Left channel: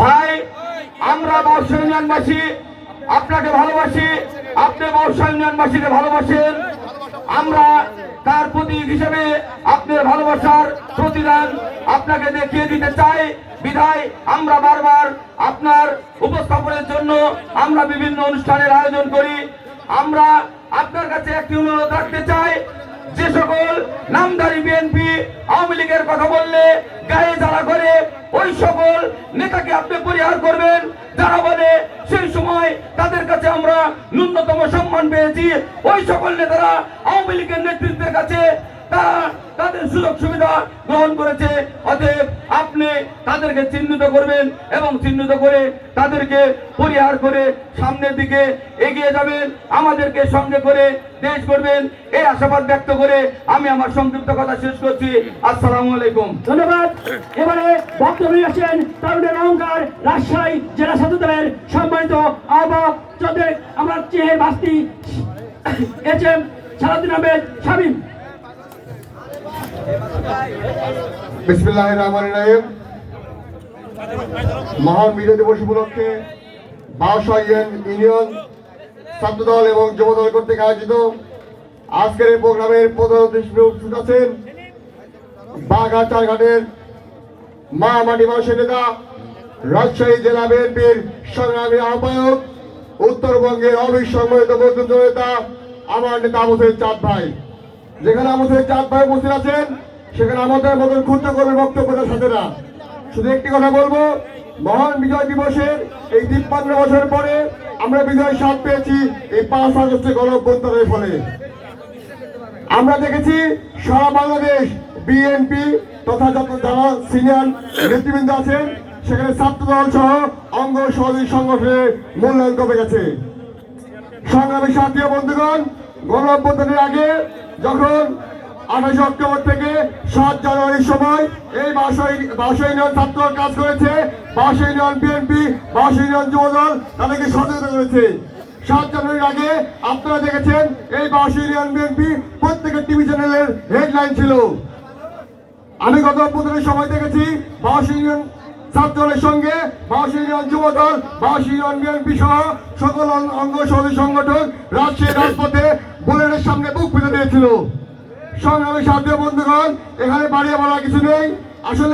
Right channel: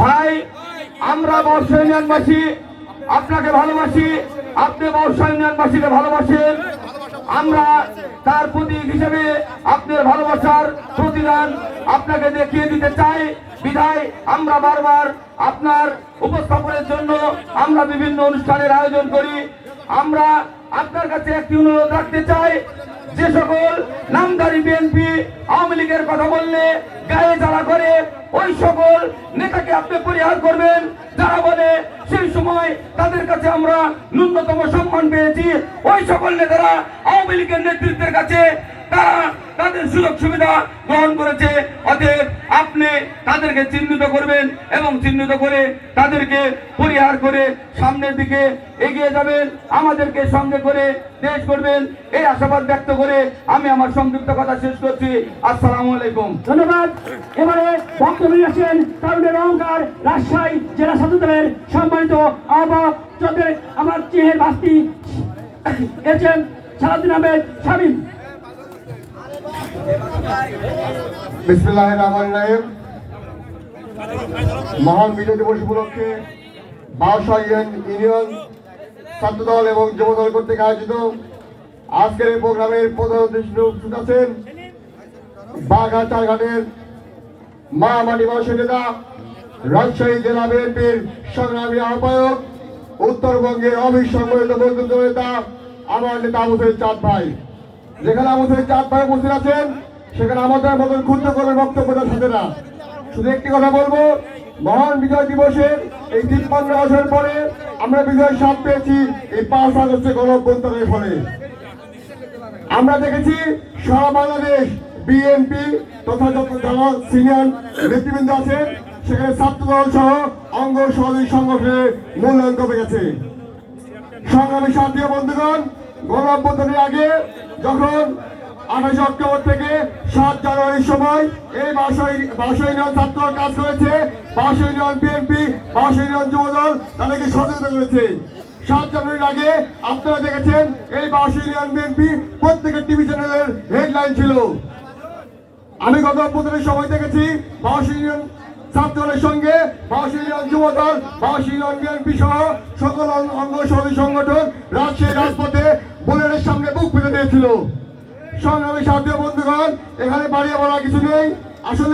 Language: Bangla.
ভাই আমরা বর্ষা ইউনিয়নবাসী আপনাকে ভালোবাসি, আপনি বর্ষা ইউনিয়নবাসীকে ভালোবাসেন। আমরা তার প্রতীক হিসেবে আপনার ভালোবাসার প্রতিদান আপনাকে দেখিয়ে দিতে চাই। বিধায় আমরা বারবার আপনার উপস্থাপনের জন্য আমরা বিভিন্ন অনুষ্ঠানের আয়োজন করি। আমরা আপনার কাছে একটি অনুরোধ রাখতে চাই, যে সকল নামধারী বিএনপি আওয়ামী লীগের কথা বললে গায়ে জ্বালা করে ওই সকল নেতাকে আপনি পরিহার করবেন। যারা বলে সেই সময় তাদের কাছে আমরা ন্যূনতম সম্মান পেয়েছি, ওই সকল নেতারা আওয়ামী লীগের নেতৃত্বের কাছে তারা তাদের সুযোগ সুবিধা গ্রহণ করেছে। অতএব আপনি তাদেরকে চিহ্নিত করবেন এবং চিহ্নিত করে তাদেরকে পরিহার করে সামনের দিকে এগিয়ে যাবেন, আমাদেরকে সঙ্গে করে দেশ করবেন, এই আশাবাদ ব্যক্ত করে আমি আমার সংক্ষিপ্ত কথা শেষ করছি। আসসালামু আলাইকুম। ধন্যবাদ। এবারে বক্তব্য আসছেন তরুণের অহংকার রাজশাহী জেলা ছাত্র দলের সম্মানিত আহ্বায়ক চন্দ্রের আমার চেহের বাস্তি এসেছেন সারাদিন আহমেদ শামীম। বিসমিল্লাহির রহমানির রহিম। মহান বিজয় দিবস উপলক্ষে বাউসা ইউনিয়ন ছাত্রদল এবং যুবদল কর্তৃক আয়োজিত আজকের এই প্রোগ্রামের প্রধান অতিথি উপস্থিত আছেন বাঘাটার ঘাটের মা মাটি মানুষের নেতা, রাজশাহী জেলা বিএনপির সংগ্রামী আহ্বায়ক, উত্তরবঙ্গের অবিসংবাদিত বন্ধুত্ব নেতা আমার নেতা আবু সাঈদ চাঁদ ভাই। যেখানে আবু সাঈদ চাঁদ ভাই উপস্থিত আছেন সেখানে আমাদের মতন ক্ষুদ্র করে বক্তব্যের সাথে না, শুধু একটি কথা বলবো, মহান বিজয় দিবসের এই 53 বছর পরে আমরা বিজয় স্বাদ পেয়েছি এই 5 আগস্টের গণঅভ্যুত্থানের ফলে। আমরা দেখেছি সারা বাংলাদেশ বিএনপি তথা যত যারা সিনিয়র নেতৃবৃন্দ আছেন সেখানে ছাত্রদল সহ অঙ্গ সহযোগী সংগঠনের মূল্যায়ন কমে গেছে। সংগ্রামী সাথী বন্ধুগণ, গণঅভ্যুত্থানের আগে যখন 28 অক্টোবর থেকে 7 জানুয়ারির সময় এই বাউসা ইউনিয়ন ছাত্র কাজ করেছে, বাউসা ইউনিয়ন বিএনপি, বাউসা ইউনিয়ন যুবদল তাদেরকে সচেতন করেছে। 7 জানুয়ারির আগে আপনারা দেখেছেন এই বাউসা ইউনিয়ন বিএনপি প্রত্যেকের টিভি চ্যানেলের হেডলাইন ছিল। আমি গত অভ্যুত্থানের সময় দেখেছি বাউসা ইউনিয়ন ছাত্রদলের সঙ্গে বাউসা ইউনিয়ন যুবদল, বাউসা ইউনিয়ন বিএনপি সহ সকল অঙ্গ সহযোগী সংগঠন রাজশাহী রাজপথে বুলেটের সঙ্গে বুক পেতে দিয়েছিল। সংগ্রামী সাথী বন্ধুগণ, এখানে বাড়িয়ে বলার কিছু নেই। আসলে